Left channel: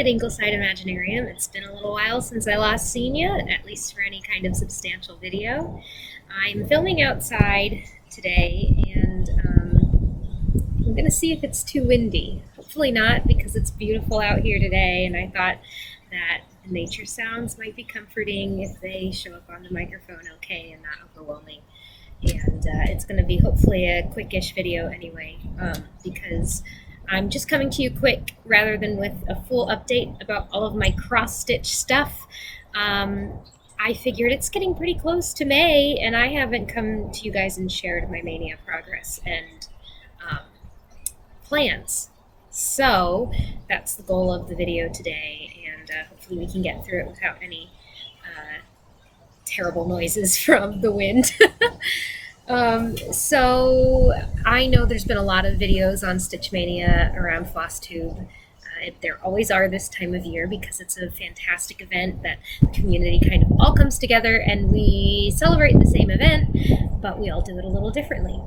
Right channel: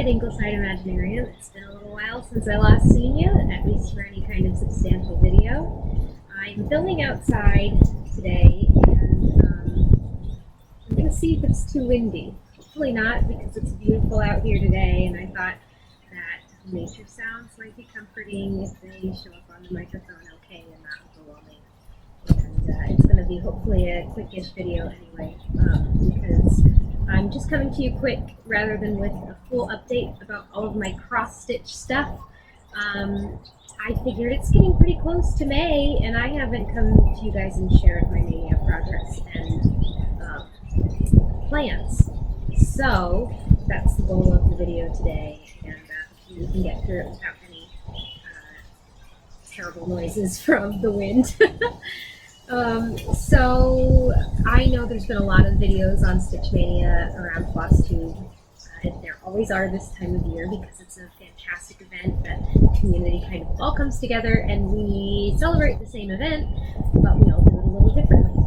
at Ingleside Imaginarium. It's been a little while since I last seen you, at least for any kind of substantial video. I'm filming outside today, and I'm going to see if it's too windy. Hopefully not, because it's beautiful out here today, and I thought that the nature sounds might be comforting if they show up on the microphone okay and not overwhelming. And it's going to be hopefully a quickish video anyway, because I'm just coming to you quick rather than with a full update about all of my cross-stitch stuff. I figured it's getting pretty close to May, and I haven't come to you guys and shared my Mania progress and plans. So that's the goal of the video today, and hopefully we can get through it without any terrible noises from the wind. So I know there's been a lot of videos on Stitch Maynia around Flosstube. There always are this time of year because it's a fantastic event that the community kind of all comes together and we celebrate the same event, but we all do it a little differently.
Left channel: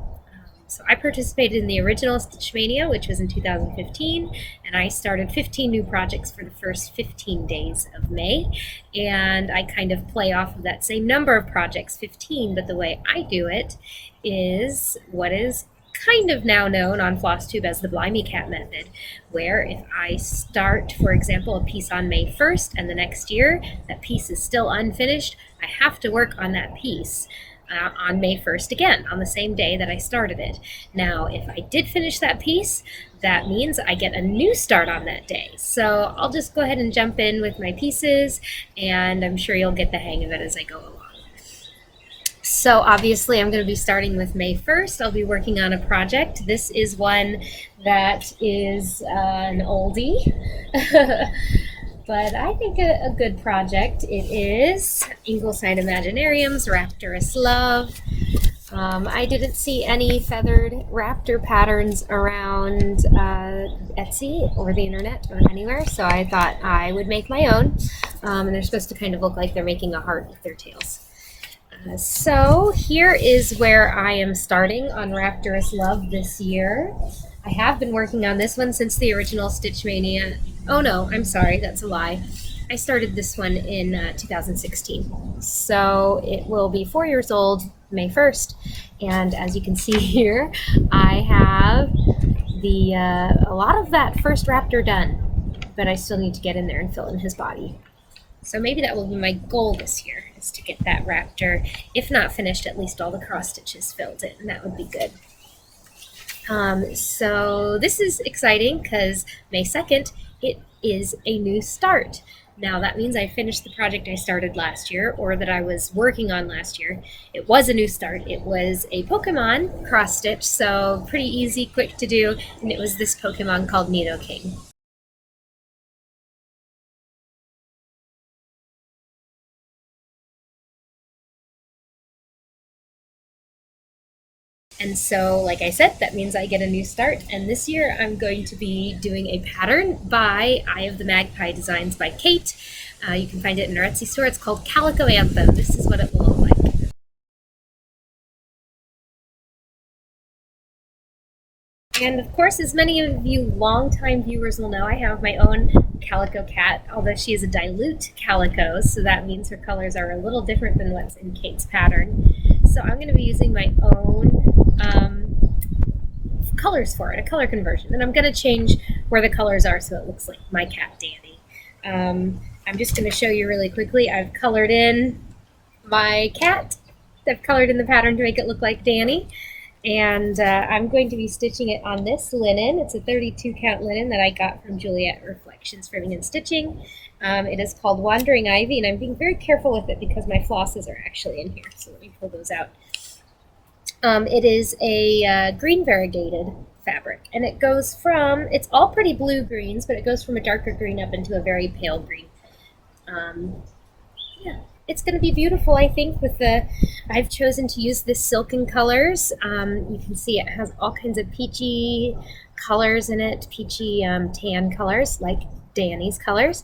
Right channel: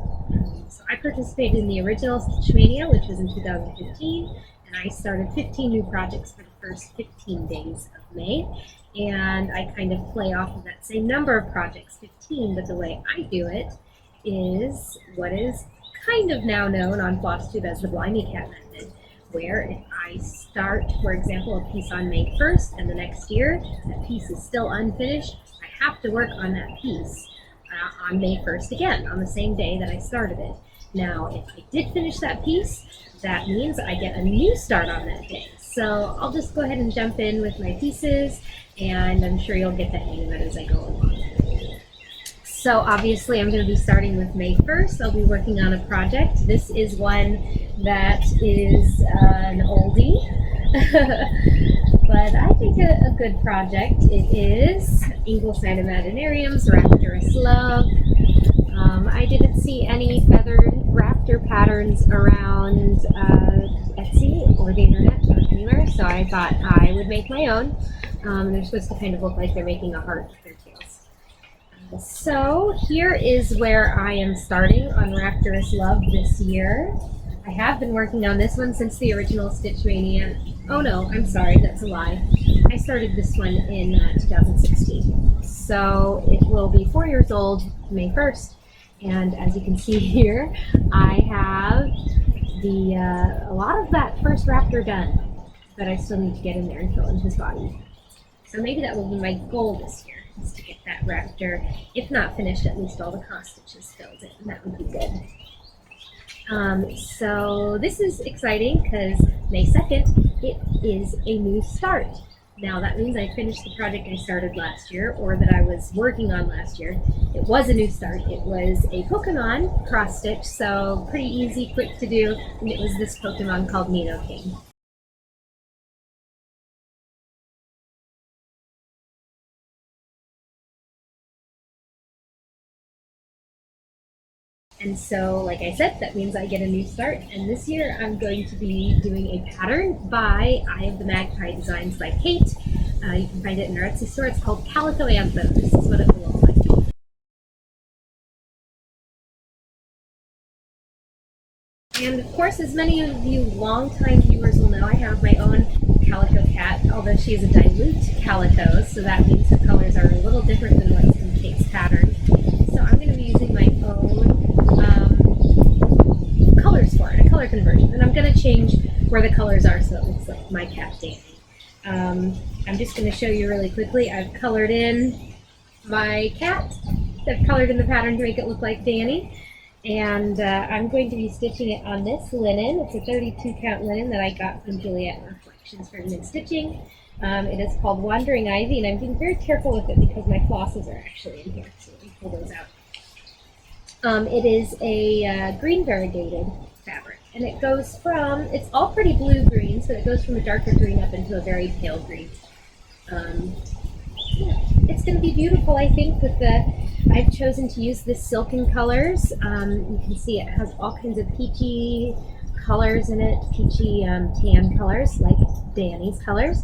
So I participated in the original Stitch Maynia, which was in 2015, and I started 15 new projects for the first 15 days of May, and I kind of play off of that same number of projects, 15, but the way I do it is what is kind of now known on Flosstube as the Blimey Cat method, where if I start, for example, a piece on May 1st and the next year that piece is still unfinished, I have to work on that piece on May 1st again, on the same day that I started it. Now, if I did finish that piece, that means I get a new start on that day. So I'll just go ahead and jump in with my pieces, and I'm sure you'll get the hang of it as I go along. So obviously I'm going to be starting with May 1st. I'll be working on a project. This is one that is an oldie, but I think a good project. It is Ingleside Imaginarium's Rapturous Love. I didn't see any feathered raptor patterns around Etsy or the internet or anywhere, so I thought I would make my own. And they're supposed to kind of look like they're making a heart with their tails. So here is where I am starting on Rapturous Love this year. I have been working on this one since the original Stitch Maynia. Oh no, I'm sorry, that's a lie. I started this one in 2016. So it will be 4 years old May 1st. And as you can see here, I have a lot of that first raptor done, but I still need to get in there and fill in his body. So maybe that will be my goal this year, is to get that raptor, if not finished, at least all the cross stitches filled in, and that would be good. So this is exciting because May 2nd, it is a new start. Now that means I finished the project I started last year, or that I was working on last year. It was a new start. It was a Pokemon cross stitch, so pretty easy, quick to do, and it was this Pokemon called Nidoking. And so, like I said, that means I get a new start. And this year I'm going to be doing a pattern by Eye of the Magpie Designs by Kate. You can find it in our Etsy store. It's called CALICO ANTHEM. This is what it will look like. And of course, as many of you longtime viewers will know, I have my own calico cat, although she is a dilute calico, so that means her colors are a little different than what's in Kate's pattern. So I'm going to be using my own colors for it, a color conversion, and I'm going to change where the colors are so it looks like my cat Danny. I'm just going to show you really quickly. I've colored in my cat. I've colored in the pattern to make it look like Danny, and I'm going to be stitching it on this linen. It's a 32 count linen that I got from Juliet Reflections Ribbon and Stitching. It is called Wandering Ivy, and I'm being very careful with it because my flosses are actually in here, so let me pull those out. It is a green variegated fabric, and it goes from, it's all pretty blue greens, but it goes from a darker green up into a very pale green. Yeah, it's going to be beautiful, I think, with I've chosen to use this silken colors. You can see it has all kinds of peachy colors in it, peachy tan colors, like Danny's colors.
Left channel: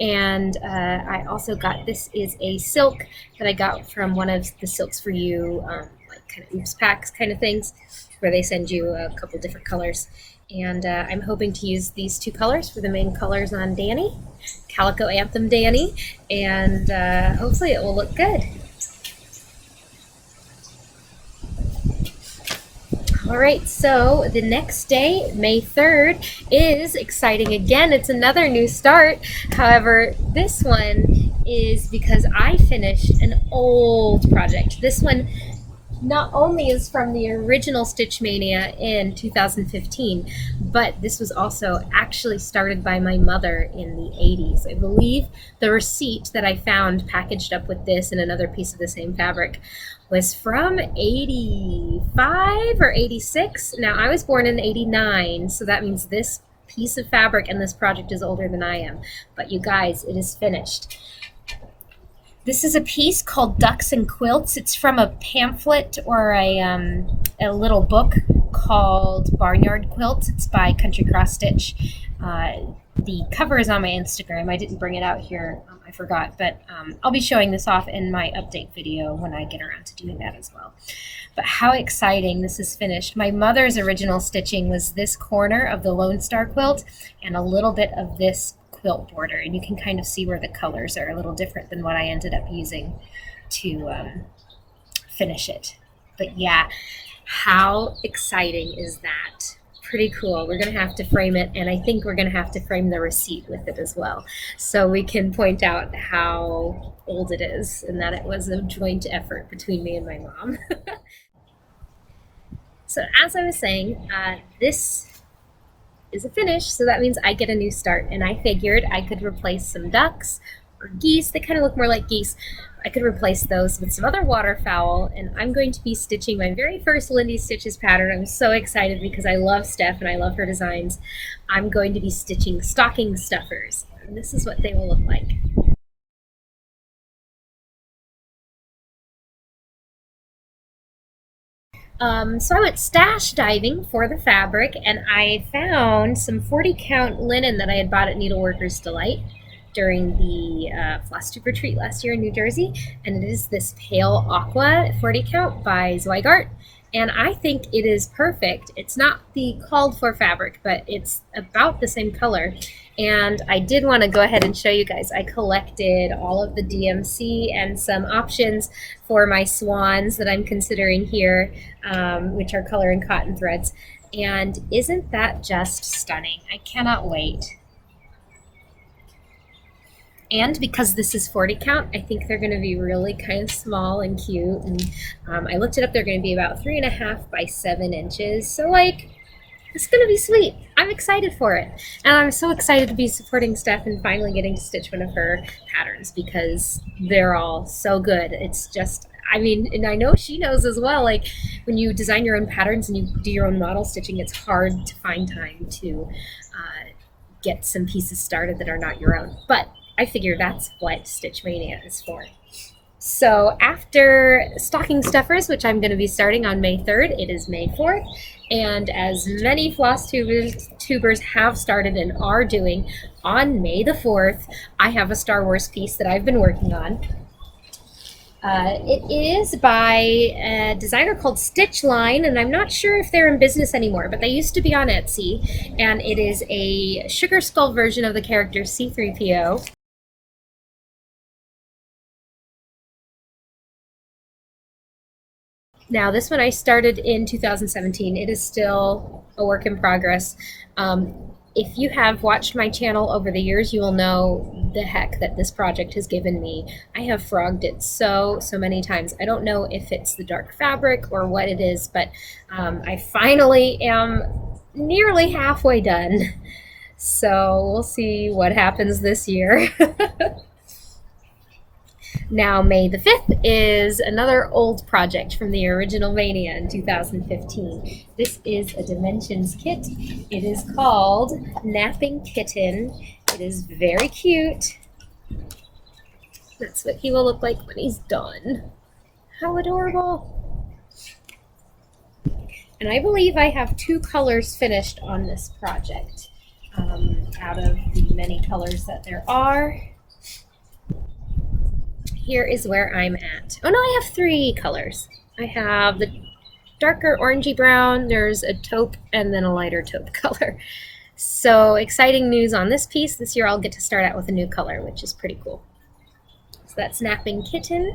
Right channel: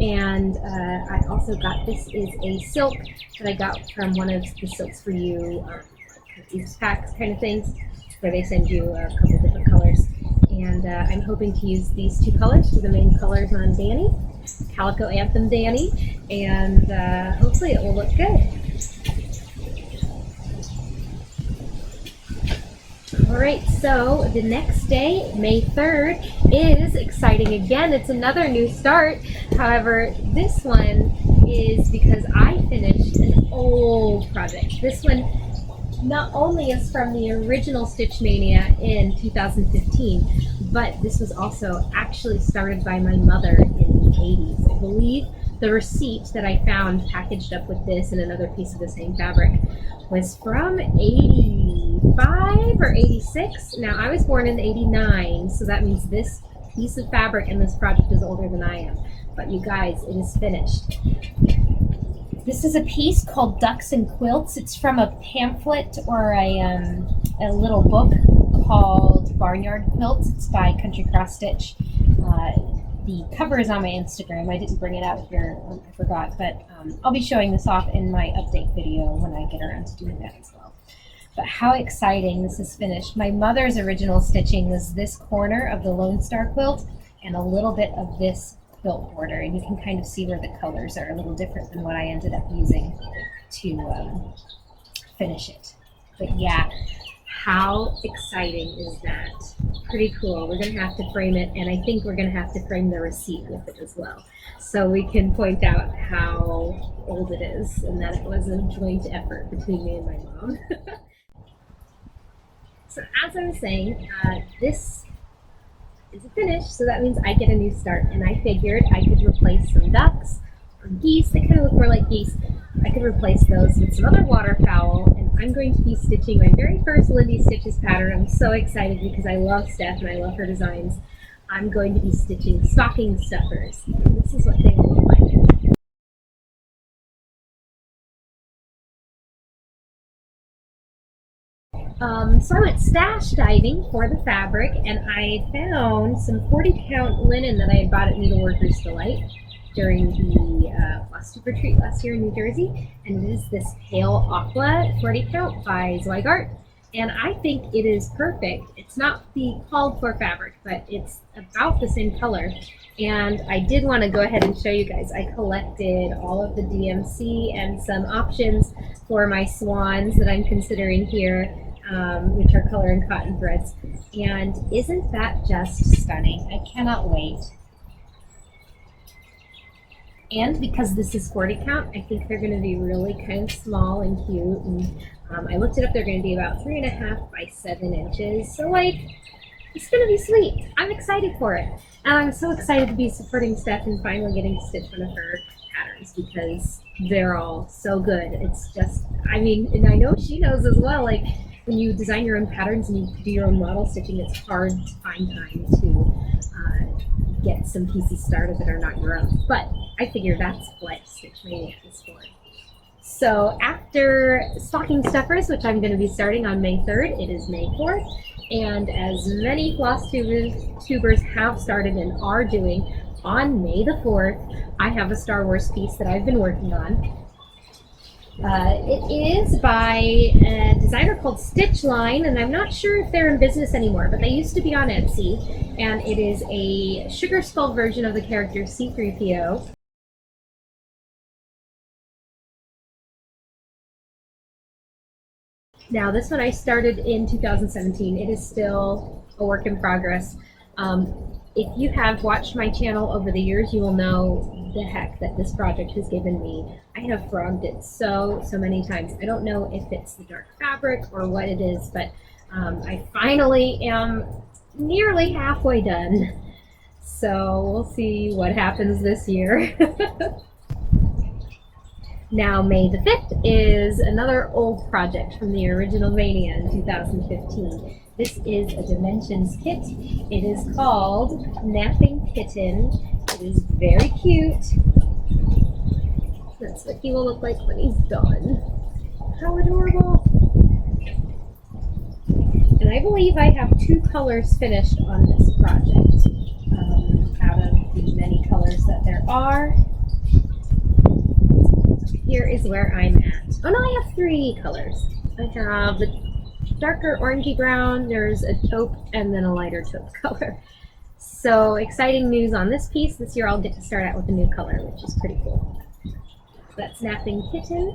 And I also got, this is a silk that I got from one of the Silks for You, like kind of oops packs kind of things, where they send you a couple different colors. And I'm hoping to use these two colors for the main colors on Danny. Calico Anthem Danny, and hopefully it will look good. All right, so the next day, May 3rd, is exciting again. It's another new start. However, this one is because I finished an old project. This one not only is from the original Stitch Mania in 2015, but this was also actually started by my mother in the 80s. I believe the receipt that I found packaged up with this and another piece of the same fabric was from 85 or 86. Now, I was born in 89, so that means this piece of fabric and this project is older than I am. But you guys, it is finished. This is a piece called Ducks and Quilts. It's from a pamphlet or a little book called Barnyard Quilts. It's by Country Cross Stitch. The cover is on my Instagram. I didn't bring it out here. I forgot, but I'll be showing this off in my update video when I get around to doing that as well. But how exciting this is finished. My mother's original stitching was this corner of the Lone Star quilt and a little bit of this quilt border, and you can kind of see where the colors are a little different than what I ended up using to finish it. But yeah, how exciting is that? Pretty cool. We're going to have to frame it, and I think we're going to have to frame the receipt with it as well, so we can point out how old it is and that it was a joint effort between me and my mom. So as I was saying, this is a finish, so that means I get a new start, and I figured I could replace some ducks or geese. They kind of look more like geese. I could replace those with some other waterfowl, and I'm going to be stitching my very first Lindy Stitches pattern. I'm so excited because I love Steph and I love her designs. I'm going to be stitching stocking stuffers, and this is what they will look like. So I went stash diving for the fabric, and I found some 40 count linen that I had bought at Needleworkers Delight during the Flosstube retreat last year in New Jersey, and it is this pale aqua 40 count by Zweigart, and I think it is perfect. It's not the called for fabric, but it's about the same color. And I did want to go ahead and show you guys. I collected all of the DMC and some options for my swans that I'm considering here, which are color and cotton threads. And isn't that just stunning? I cannot wait. And because this is 40 count, I think they're going to be really kind of small and cute. And I looked it up. They're going to be about 3.5 by 7 inches. So like, it's going to be sweet. I'm excited for it. And I'm so excited to be supporting Steph and finally getting to stitch one of her patterns because they're all so good. It's just, I mean, and I know she knows as well, like when you design your own patterns and you do your own model stitching, it's hard to find time to get some pieces started that are not your own. But I figure that's what Stitch Mania is for. So after stocking stuffers, which I'm going to be starting on May 3rd, it is May 4th. And as many Flosstubers have started and are doing, on May the 4th, I have a Star Wars piece that I've been working on. It is by a designer called Stitchline, and I'm not sure if they're in business anymore, but they used to be on Etsy. And it is a sugar skull version of the character C-3PO. Now, this one I started in 2017. It is still a work in progress. If you have watched my channel over the years, you will know the heck that this project has given me. I have frogged it so many times. I don't know if it's the dark fabric or what it is, but I finally am nearly halfway done. So we'll see what happens this year. Now, May the 5th is another old project from the original Mania in 2015. This is a Dimensions kit. It is called Napping Kitten. It is very cute. That's what he will look like when he's done. How adorable. And I believe I have 2 colors finished on this project out of the many colors that there are. Here is where I'm at. Oh no, I have 3 colors. I have the darker orangey brown, there's a taupe, and then a lighter taupe color. So exciting news on this piece. This year I'll get to start out with a new color, which is pretty cool. So that's Napping Kitten.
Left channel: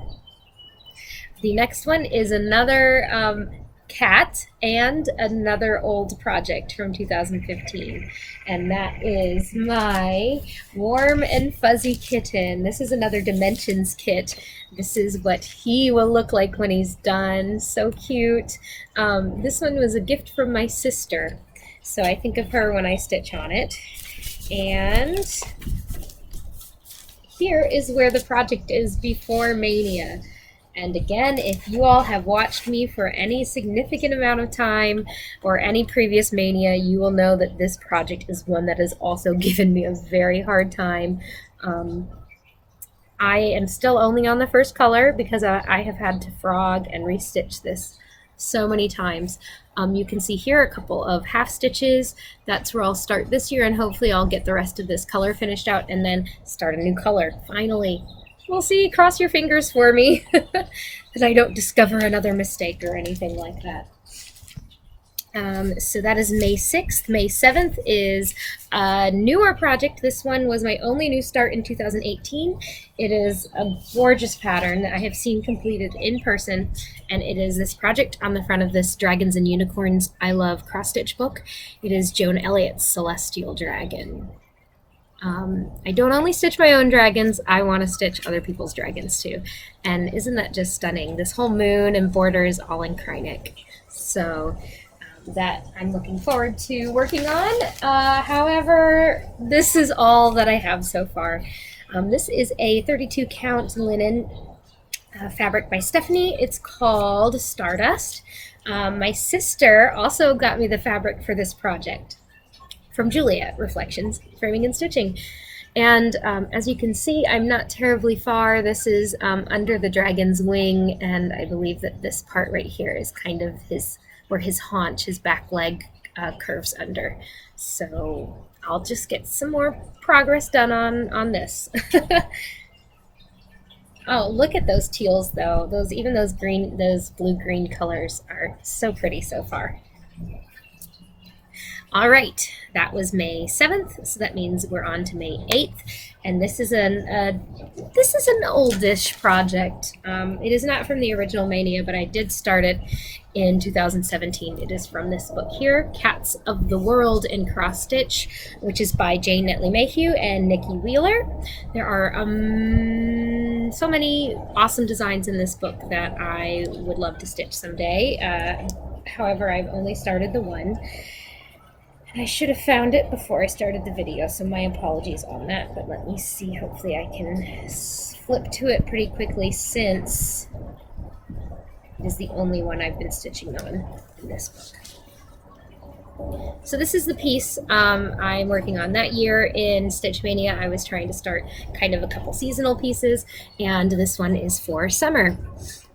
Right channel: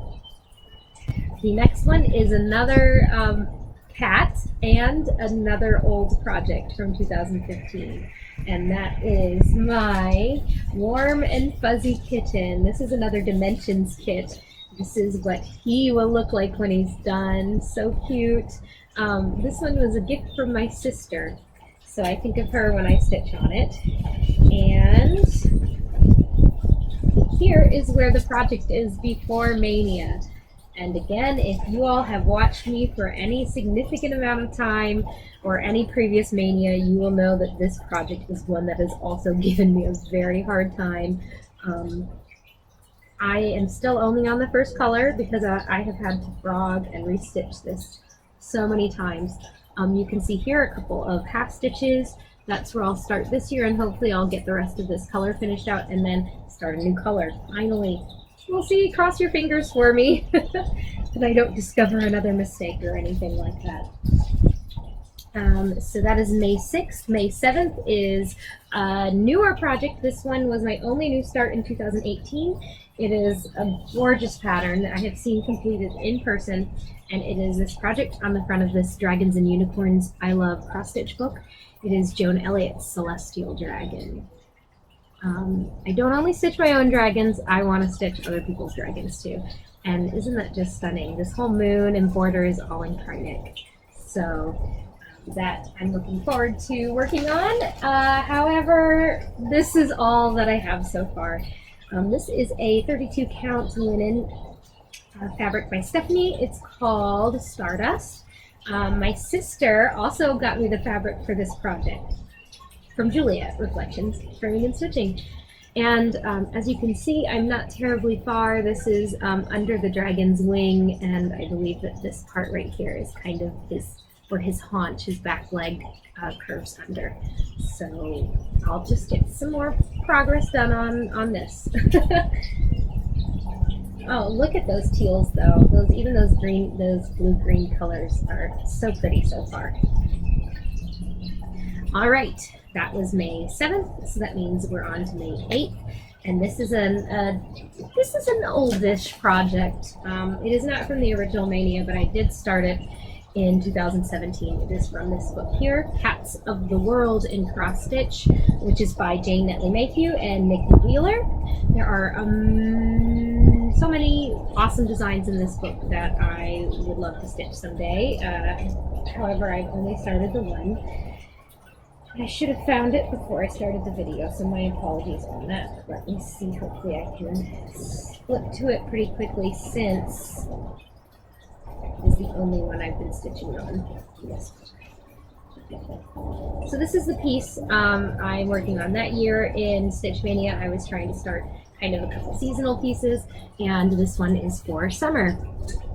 The next one is another cat and another old project from 2015, and that is my Warm and Fuzzy Kitten. This is another Dimensions kit. This is what he will look like when he's done. So cute. This one was a gift from my sister, so I think of her when I stitch on it. And here is where the project is before Mania. And again, if you all have watched me for any significant amount of time or any previous Mania, you will know that this project is one that has also given me a very hard time. I am still only on the first color because I have had to frog and restitch this so many times. You can see here a couple of half stitches. That's where I'll start this year, and hopefully I'll get the rest of this color finished out and then start a new color, finally. We'll see. Cross your fingers for me that I don't discover another mistake or anything like that. So that is May 6th. May 7th is a newer project. This one was my only new start in 2018. It is a gorgeous pattern that I have seen completed in person, and it is this project on the front of this Dragons and Unicorns I Love cross stitch book. It is Joan Elliott's Celestial Dragon. I don't only stitch my own dragons, I want to stitch other people's dragons too. And isn't that just stunning? This whole moon and border is all in Krynic. So that I'm looking forward to working on. However, this is all that I have so far. This is a 32 count linen fabric by Stephanie. It's called Stardust. My sister also got me the fabric for this project from Juliet Reflections, Framing and Stitching. And as you can see, I'm not terribly far. This is under the dragon's wing, and I believe that this part right here is kind of where his haunch, his back leg curves under. So I'll just get some more progress done on this. Oh, look at those teals though. Even those blue-green colors are so pretty so far. All right, that was May 7th, so that means we're on to May 8th, and this is an oldish project. It is not from the original Mania, but I did start it in 2017. It is from this book here, Cats of the World in Cross Stitch, which is by Jane Netley Mayhew and Nikki Wheeler. There are so many awesome designs in this book that I would love to stitch someday. However, I've only started the one. I should have found it before I started the video, so my apologies on that, but let me see. Hopefully I can flip to it pretty quickly since it is the only one I've been stitching on in this book. So this is the piece I'm working on. That year in Stitch Mania, I was trying to start kind of a couple seasonal pieces, and this one is for summer.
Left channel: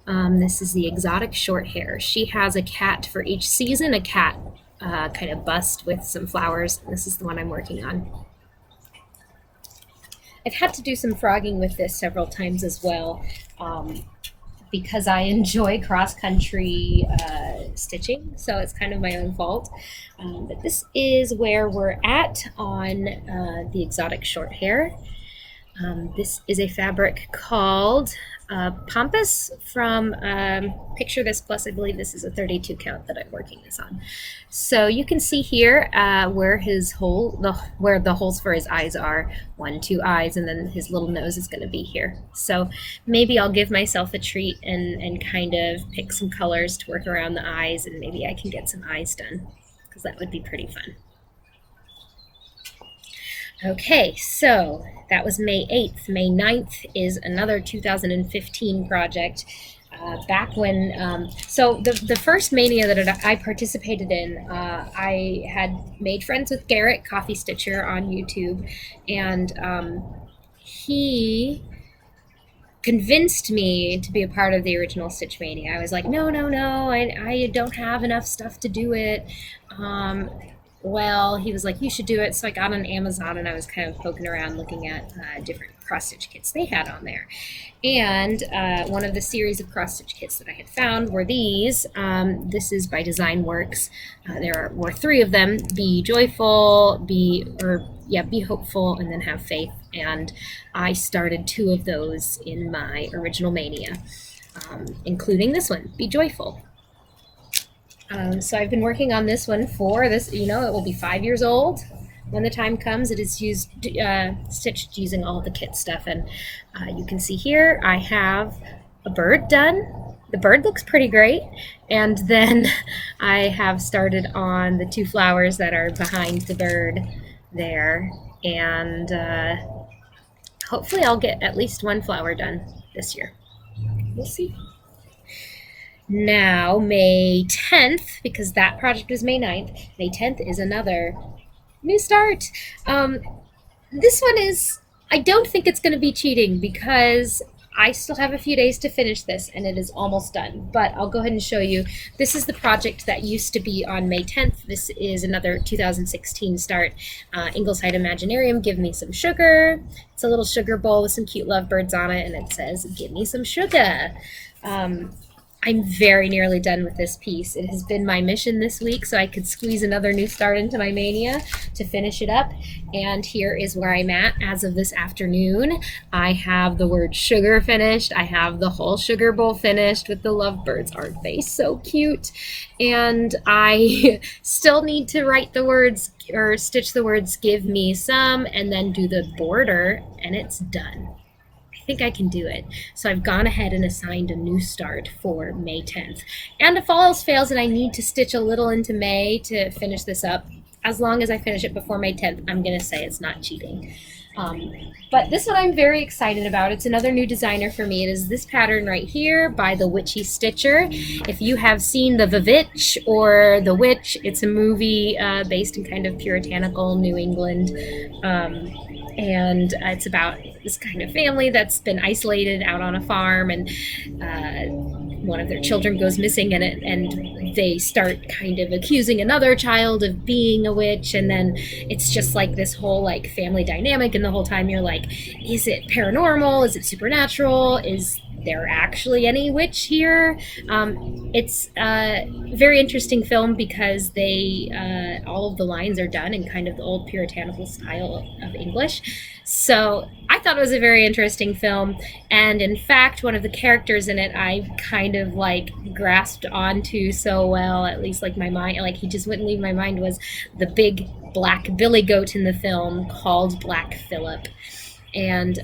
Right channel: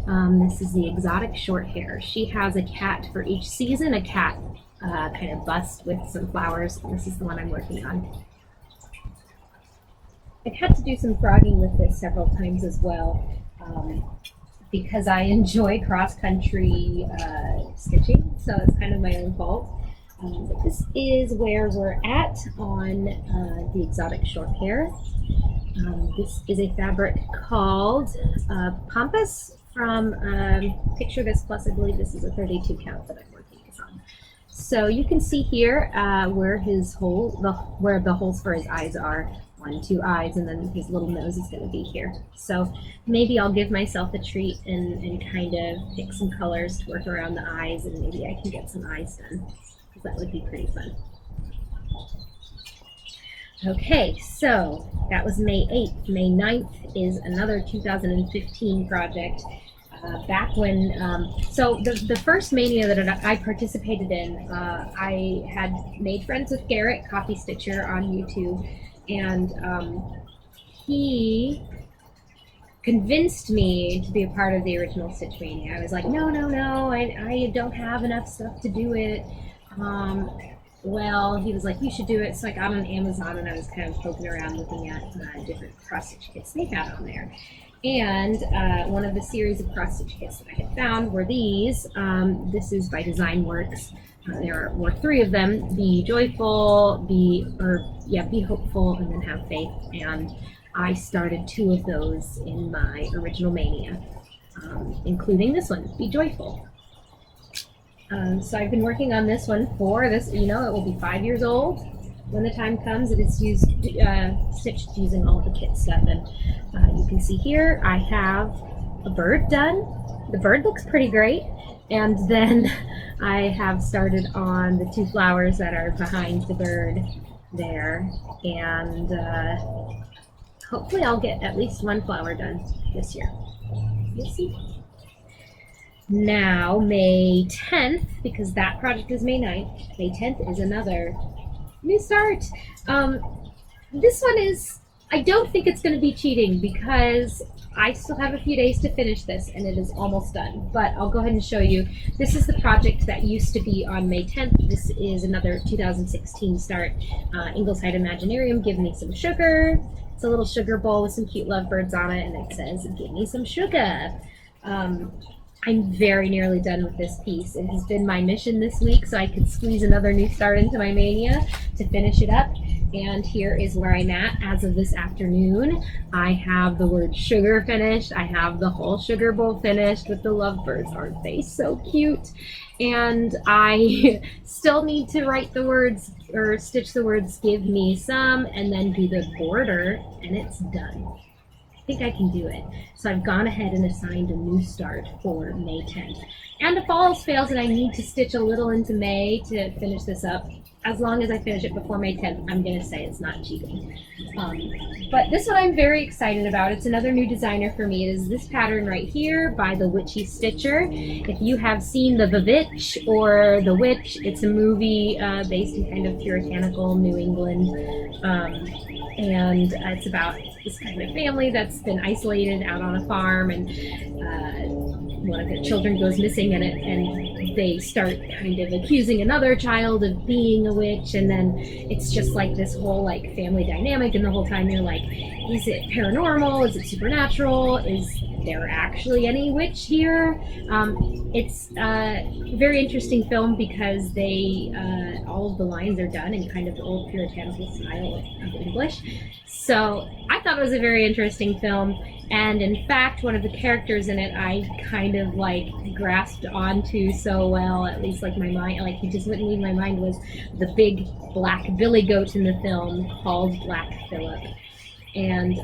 This is the Exotic Short Hair. She has a cat for each season, a cat kind of bust with some flowers. This is the one I'm working on. I've had to do some frogging with this several times as well because I enjoy cross-country stitching, so it's kind of my own fault. But this is where we're at on the Exotic Short Hair. This is a fabric called Pampas from Picture This Plus. I believe this is a 32 count that I'm working this on. So you can see here where where the holes for his eyes are. 1, 2 eyes, and then his little nose is going to be here. So maybe I'll give myself a treat and kind of pick some colors to work around the eyes, and maybe I can get some eyes done, because that would be pretty fun. Okay, so that was May 8th. May 9th is another 2015 project. Back when, so the first Mania that I participated in, I had made friends with Garrett, Coffee Stitcher, on YouTube, and he convinced me to be a part of the original Stitch Mania. I was like, no, I don't have enough stuff to do it. well, he was like, you should do it. So I got on Amazon and I was kind of poking around looking at different cross stitch kits they had on there. And one of the series of cross stitch kits that I had found were these. This is by Design Works. There were 3 of them: Be Joyful, Be Hopeful, and then Have Faith. And I started 2 of those in my original Mania, including this one, Be Joyful. So I've been working on this one for this, it will be 5 years old when the time comes. It is stitched using all of the kit stuff, and you can see here I have a bird done. The bird looks pretty great, and then I have started on the 2 flowers that are behind the bird there, and hopefully I'll get at least 1 flower done this year. We'll see. Now, May 10th, because that project was May 9th, May 10th is another new start. This one is, I don't think it's going to be cheating because I still have a few days to finish this and it is almost done. But I'll go ahead and show you. This is the project that used to be on May 10th. This is another 2016 start. Ingleside Imaginarium, Give Me Some Sugar. It's a little sugar bowl with some cute lovebirds on it, and it says, Give Me Some Sugar. I'm very nearly done with this piece. It has been my mission this week so I could squeeze another new start into my Mania to finish it up. And here is where I'm at as of this afternoon. I have the word sugar finished. I have the whole sugar bowl finished with the lovebirds. Aren't they so cute? And I still need to write the words or stitch the words Give Me Some and then do the border, and it's done. I think I can do it. So I've gone ahead and assigned a new start for May 10th. And if all else fails and I need to stitch a little into May to finish this up, as long as I finish it before May 10th, I'm going to say it's not cheating. But this one I'm very excited about. It's another new designer for me. It is this pattern right here by the Witchy Stitcher. If you have seen The Vivitch or The Witch, it's a movie based in kind of puritanical New England. And it's about this kind of family that's been isolated out on a farm, and one of their children goes missing, and they start kind of accusing another child of being a witch, and then it's just like this whole like family dynamic, and the whole time you're like, is it paranormal? Is it supernatural? Is there actually any witch here? It's a very interesting film because they all of the lines are done in kind of the old puritanical style of English. So I thought it was a very interesting film, and in fact one of the characters in it I kind of like grasped onto so well, at least like my mind, like he just wouldn't leave my mind, was the big black billy goat in the film called Black Phillip. And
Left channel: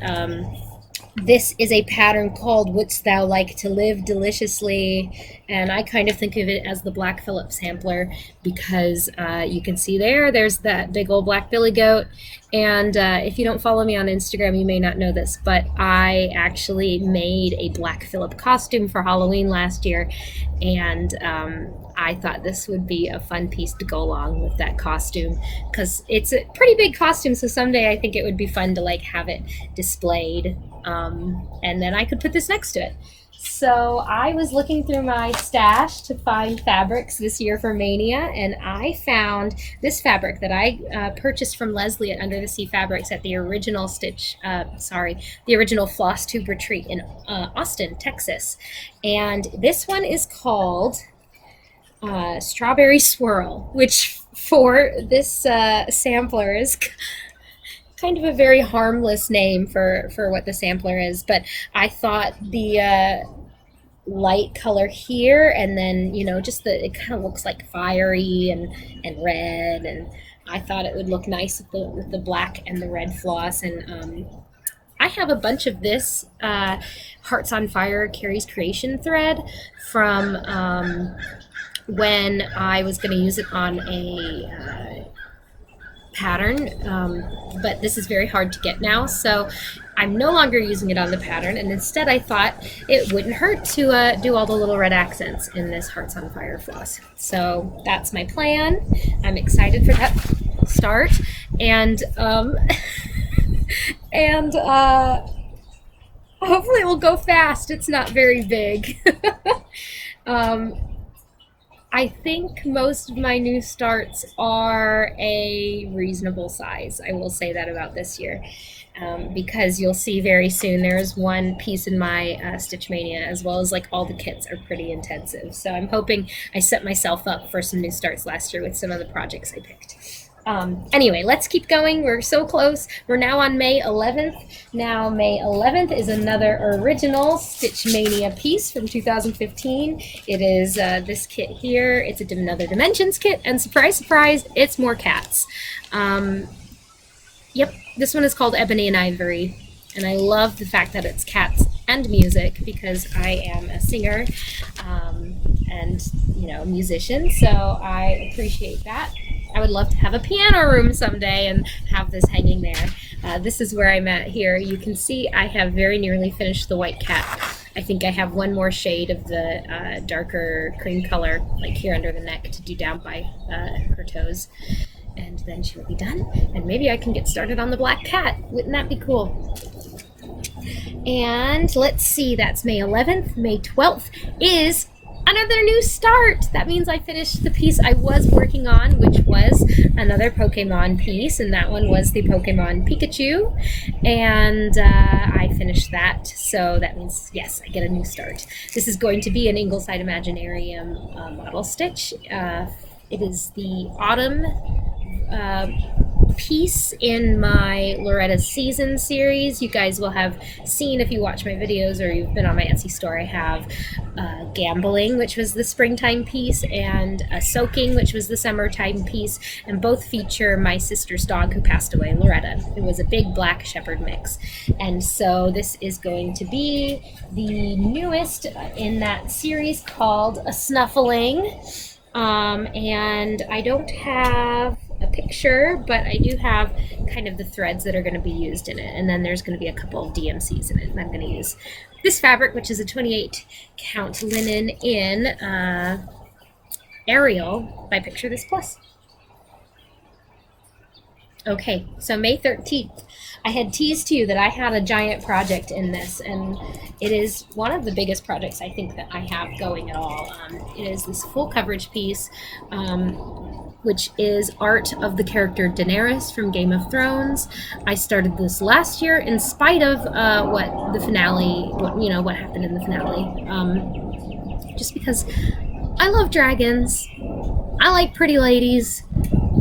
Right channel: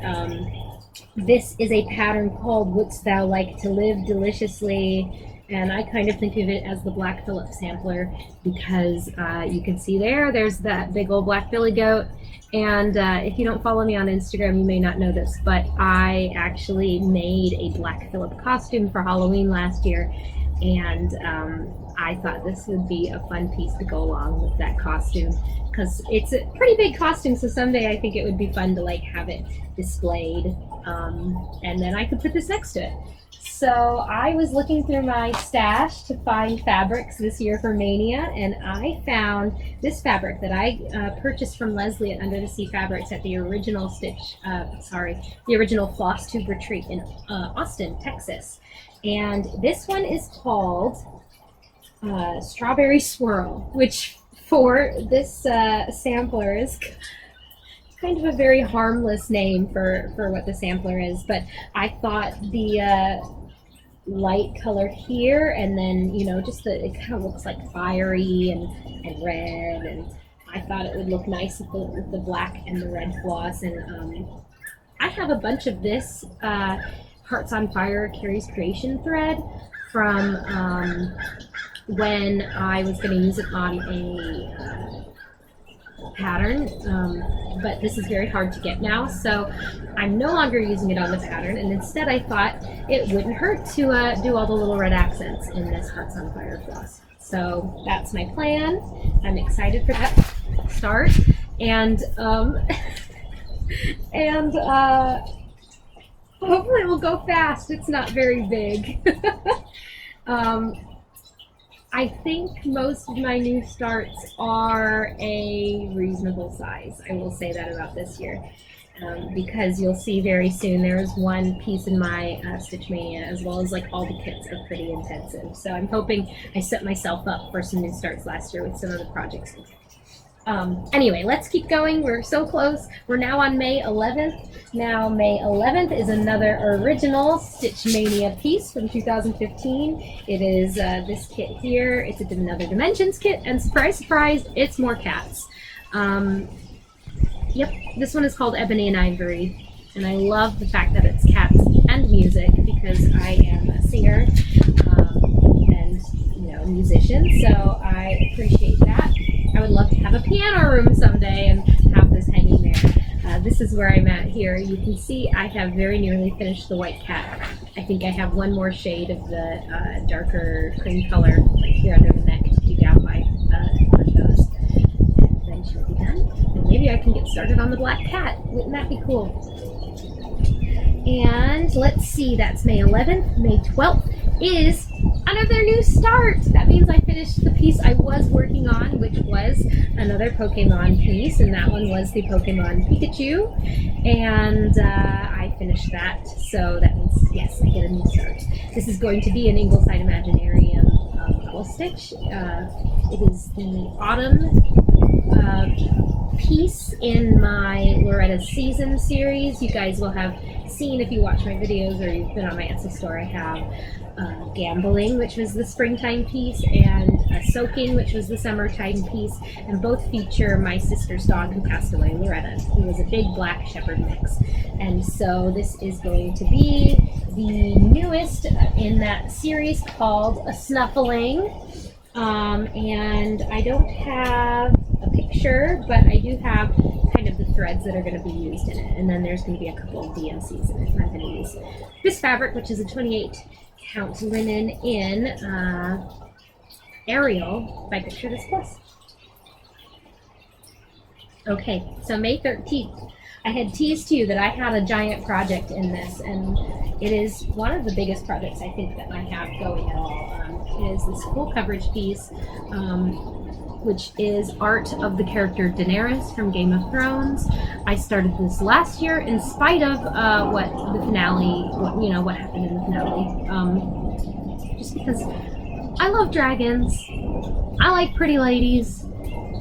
this is a pattern called Wouldst Thou Like to Live Deliciously, and I kind of think of it as the Black Phillip sampler because you can see there's that big old black billy goat. And if you don't follow me on Instagram, you may not know this, but I actually made a Black Phillip costume for Halloween last year, and I thought this would be a fun piece to go along with that costume because it's a pretty big costume, so someday I think it would be fun to like have it displayed, and then I could put this next to it. So I was looking through my stash to find fabrics this year for Mania, and I found this fabric that I purchased from Leslie at Under the Sea Fabrics at the original the original Flosstube retreat in Austin, Texas. And this one is called Strawberry Swirl, which for this sampler is kind of a very harmless name for what the sampler is, but I thought the light color here, and then just it kind of looks like fiery and red, and I thought it would look nice with the black and the red floss. And I have a bunch of this Hearts on Fire Carrie's Creation thread from when I was going to use it on a pattern, but this is very hard to get now, so I'm no longer using it on the pattern, and instead I thought it wouldn't hurt to do all the little red accents in this Hearts on Fire floss. So that's my plan. I'm excited for that start, and and hopefully it will go fast. It's not very big. I think most of my new starts are a reasonable size. I will say that about this year. Because you'll see very soon there's one piece in my Stitch Mania, as well as like all the kits are pretty intensive. So I'm hoping I set myself up for some new starts last year with some of the projects I picked. Anyway, let's keep going. We're so close. We're now on May 11th. Now, May 11th is another original Stitch Mania piece from 2015. It is this kit here. It's another Dimensions kit, and surprise, surprise, it's more cats. Yep, this one is called Ebony and Ivory, and I love the fact that it's cats and music because I am a singer and, you know, musician, so I appreciate that. I would love to have a piano room someday and have this hanging there. This is where I'm at here. You can see I have very nearly finished the white cat. I think I have one more shade of the darker cream color, like here under the neck, to do down by her toes. And then she will be done, and maybe I can get started on the black cat. Wouldn't that be cool? And let's see, that's May 11th. May 12th is another new start. That means I finished the piece I was working on, which was another Pokemon piece, and that one was the Pokemon Pikachu, and I finished that, so that means, yes, I get a new start. This is going to be an Ingleside Imaginarium model stitch. It is the autumn piece in my Loretta's Season series. You guys will have seen, if you watch my videos or you've been on my Etsy store, I have Gambling, which was the springtime piece, and Soaking, which was the summertime piece, and both feature my sister's dog who passed away, Loretta. It was a big black shepherd mix, and so this is going to be the newest in that series, called A Snuffling. And I don't have a picture, but I do have kind of the threads that are going to be used in it, and then there's going to be a couple of DMCs in it, and I'm going to use this fabric, which is a 28 count linen in Ariel by Picture This Plus. Okay, so May 13th, I had teased to you that I had a giant project in this, and it is one of the biggest projects I think that I have going at all. It is this full coverage piece, which is art of the character Daenerys from Game of Thrones. I started this last year in spite of what happened in the finale. Just because I love dragons, I like pretty ladies,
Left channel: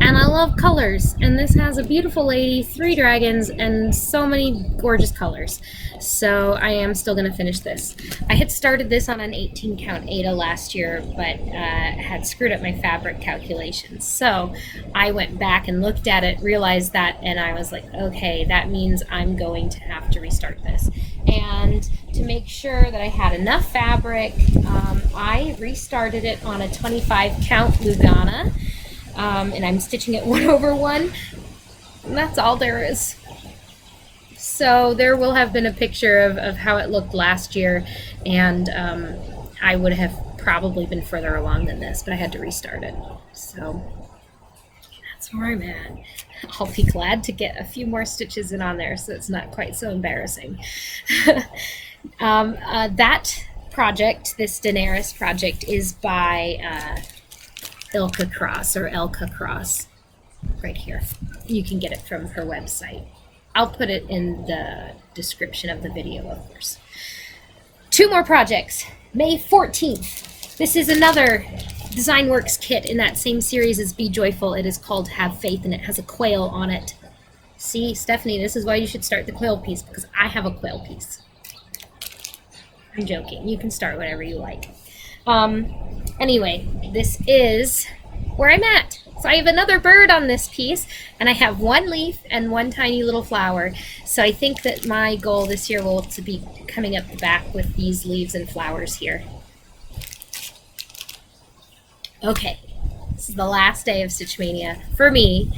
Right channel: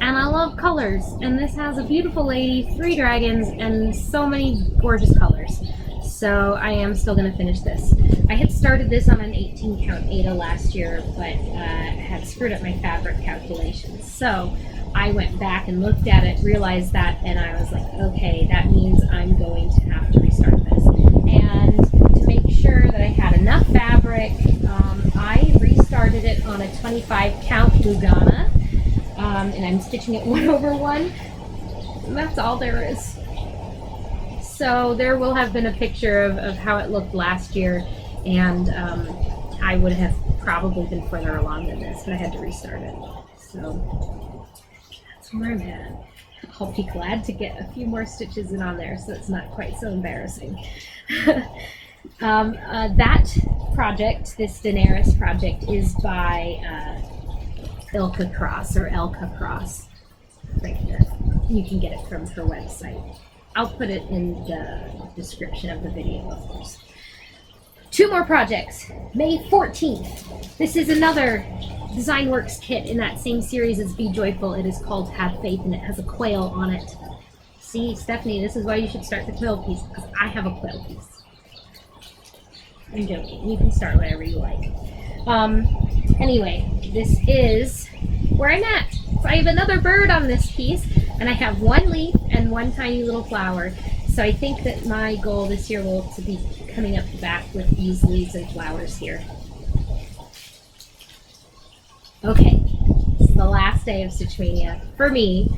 and I love colors, and this has a beautiful lady, 3 dragons, and so many gorgeous colors. So I am still going to finish this. I had started this on an 18 count Ada last year, but had screwed up my fabric calculations. So I went back and looked at it, realized that, and I was like, okay, that means I'm going to have to restart this. And to make sure that I had enough fabric, I restarted it on a 25 count Lugana. And I'm stitching it 1/1, and that's all there is. So there will have been a picture of how it looked last year, and I would have probably been further along than this, but I had to restart it. So that's where I'm at. I'll be glad to get a few more stitches in on there so it's not quite so embarrassing. That project, this Daenerys project, is by lkacross or lkacross right here. You can get it from her website. I'll put it in the description of the video, of course. 2 more projects. May 14th. This is another Design Works kit in that same series as Be Joyful. It is called Have Faith, and it has a quail on it. See, Stephanie, this is why you should start the quail piece, because I have a quail piece. I'm joking. You can start whatever you like. Anyway, this is where I'm at. So I have another bird on this piece, and I have 1 leaf and 1 tiny little flower. So I think that my goal this year will to be coming up the back with these leaves and flowers here. Okay, this is the last day of Stitch Mania for me,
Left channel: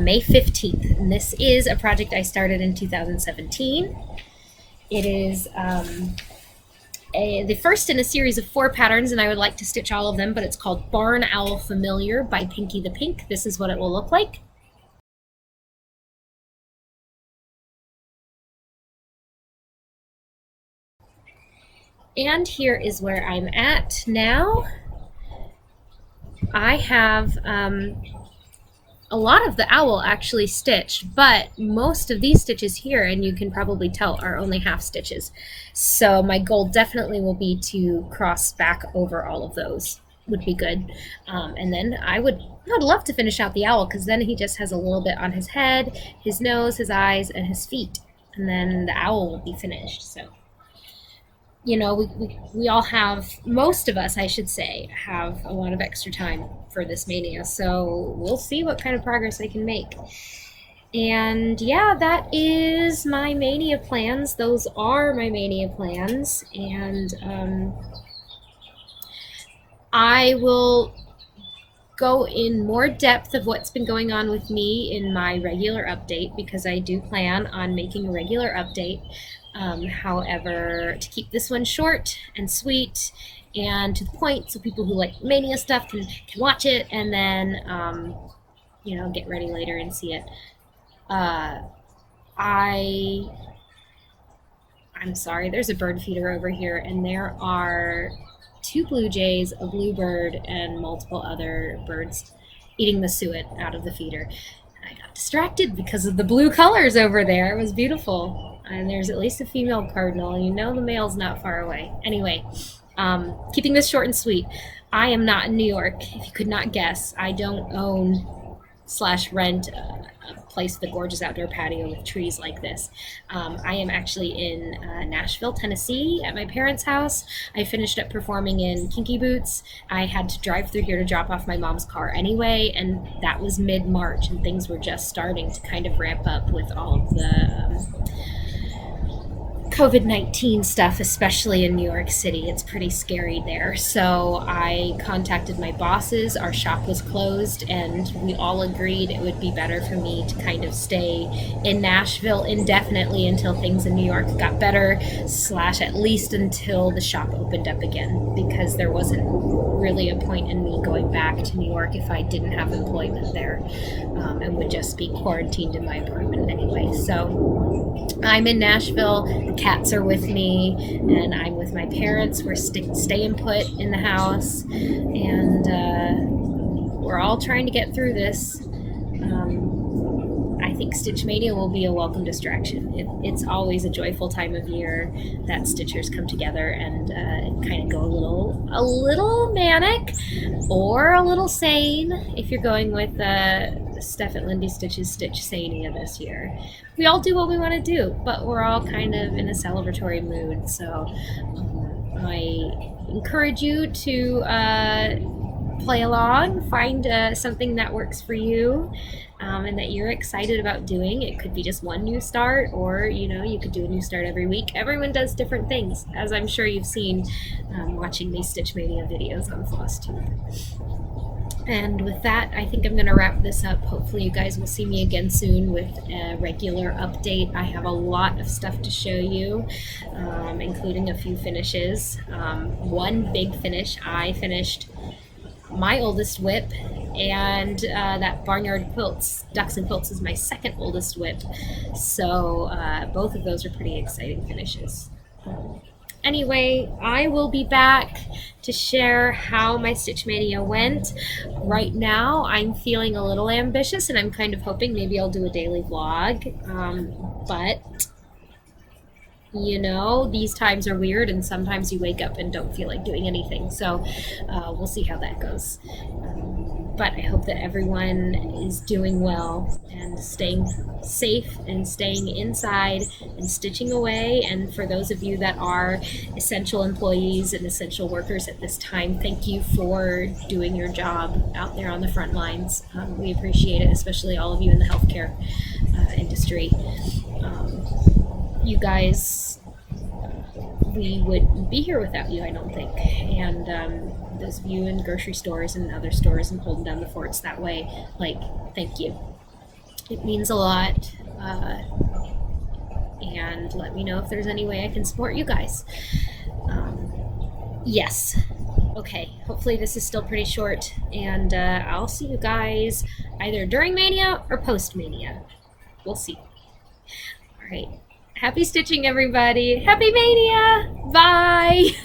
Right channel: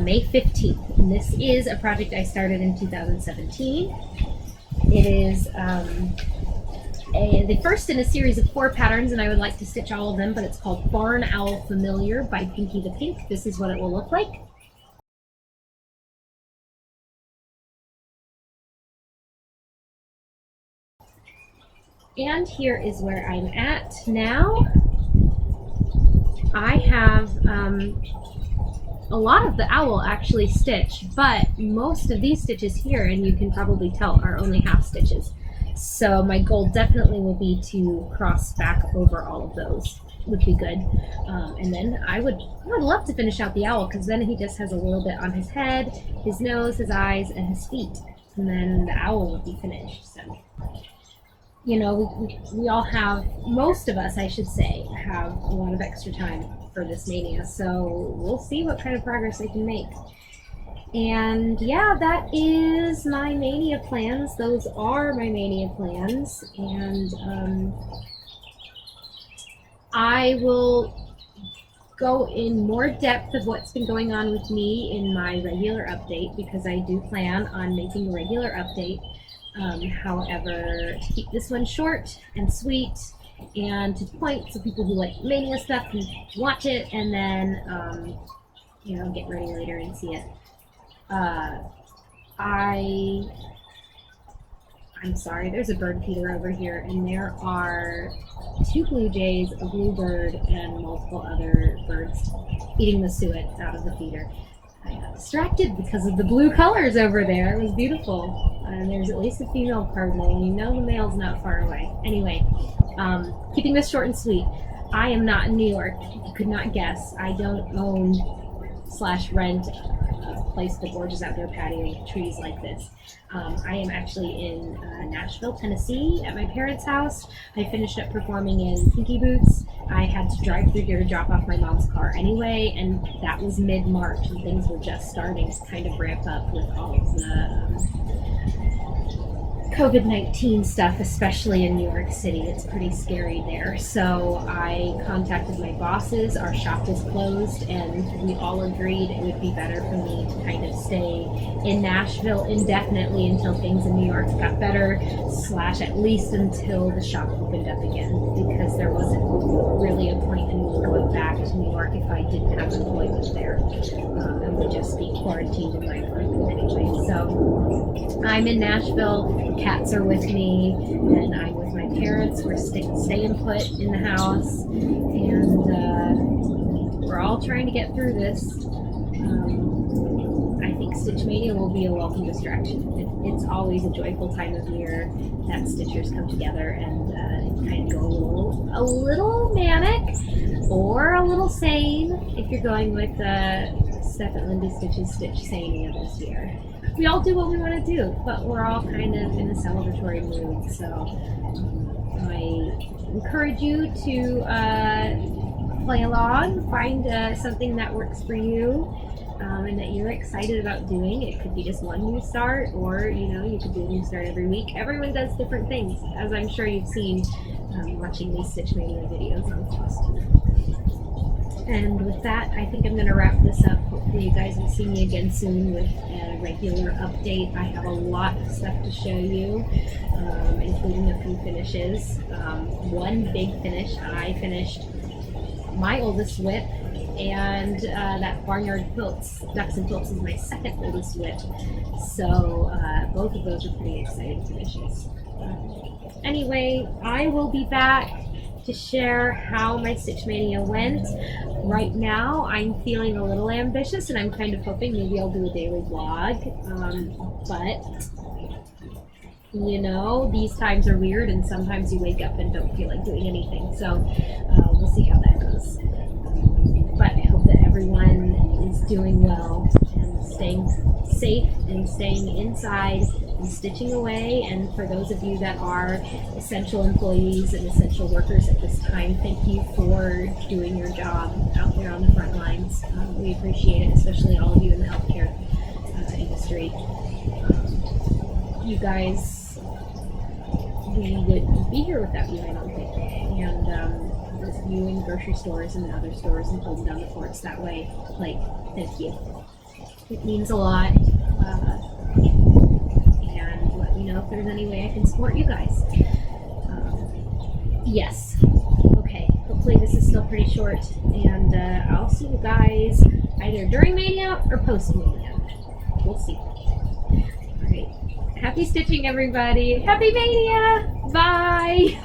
May 15th. And this is a project I started in 2017. It is the first in a series of 4 patterns, and I would like to stitch all of them, but it's called Barn Owl Familiar by Pinky the Pink. This is what it will look like. And here is where I'm at now. I have a lot of the owl actually stitched, but most of these stitches here, and you can probably tell, are only half stitches. So my goal definitely will be to cross back over all of those. Would be good. And then I'd love to finish out the owl, because then he just has a little bit on his head, his nose, his eyes, and his feet. And then the owl will be finished. So, you know, we all have, most of us, I should say, have a lot of extra time for this mania. So we'll see what kind of progress I can make. And yeah, that is my mania plans. Those are my mania plans. And I will go in more depth of what's been going on with me in my regular update, because I do plan on making a regular update. However, to keep this one short and sweet and to the point, so people who like Mania stuff can watch it and then, you know, get ready later and see it. I'm sorry, there's a bird feeder over here, and there are 2 blue jays, a bluebird, and multiple other birds eating the suet out of the feeder. I got distracted because of the blue colors over there. It was beautiful. And there's at least a female cardinal, and you know the male's not far away. Anyway, keeping this short and sweet, I am not in New York, if you could not guess. I don't own/rent a place with a gorgeous outdoor patio with trees like this. I am actually in Nashville, Tennessee at my parents' house. I finished up performing in Kinky Boots. I had to drive through here to drop off my mom's car anyway, and that was mid-March, and things were just starting to kind of ramp up with all of the COVID-19 stuff, especially in New York City. It's pretty scary there. So I contacted my bosses. Our shop was closed, and we all agreed it would be better for me to kind of stay in Nashville indefinitely until things in New York got better, / at least until the shop opened up again, because there wasn't really a point in me going back to New York if I didn't have employment there, and would just be quarantined in my apartment anyway. So I'm in Nashville. The cats are with me, and I'm with my parents. We're staying put in the house, and we're all trying to get through this. I think Stitch Mania will be a welcome distraction. It's always a joyful time of year that Stitchers come together and kind of go a little manic or a little sane, if you're going with Steph at Lindy Stitch's Stitch Maynia this year. We all do what we want to do, but we're all kind of in a celebratory mood. So I encourage you to play along, find something that works for you, and that you're excited about doing. It could be just one new start, or you could do a new start every week. Everyone does different things, as I'm sure you've seen watching these Stitch Mania videos on Flosstube. And with that, I think I'm going to wrap this up. Hopefully you guys will see me again soon with a regular update. I have a lot of stuff to show you, including a few finishes. One big finish, I finished my oldest whip, and that Barnyard Quilts, Ducks and Quilts, is my second oldest whip. So both of those are pretty exciting finishes. Anyway, I will be back to share how my Stitch Mania went. Right now, I'm feeling a little ambitious, and I'm kind of hoping maybe I'll do a daily vlog. But, these times are weird, and sometimes you wake up and don't feel like doing anything. So we'll see how that goes. But I hope that everyone is doing well and staying safe and staying inside and stitching away. And for those of you that are essential employees and essential workers at this time, thank you for doing your job out there on the front lines. We appreciate it, especially all of you in the healthcare industry. You guys, we wouldn't be here without you, I don't think. And those of you in grocery stores and other stores and holding down the forts that way, thank you. It means a lot. And let me know if there's any way I can support you guys. Yes. Okay, hopefully this is still pretty short, and I'll see you guys either during Mania or post Mania. We'll see. All right. Happy stitching, everybody. Happy Mania. Bye.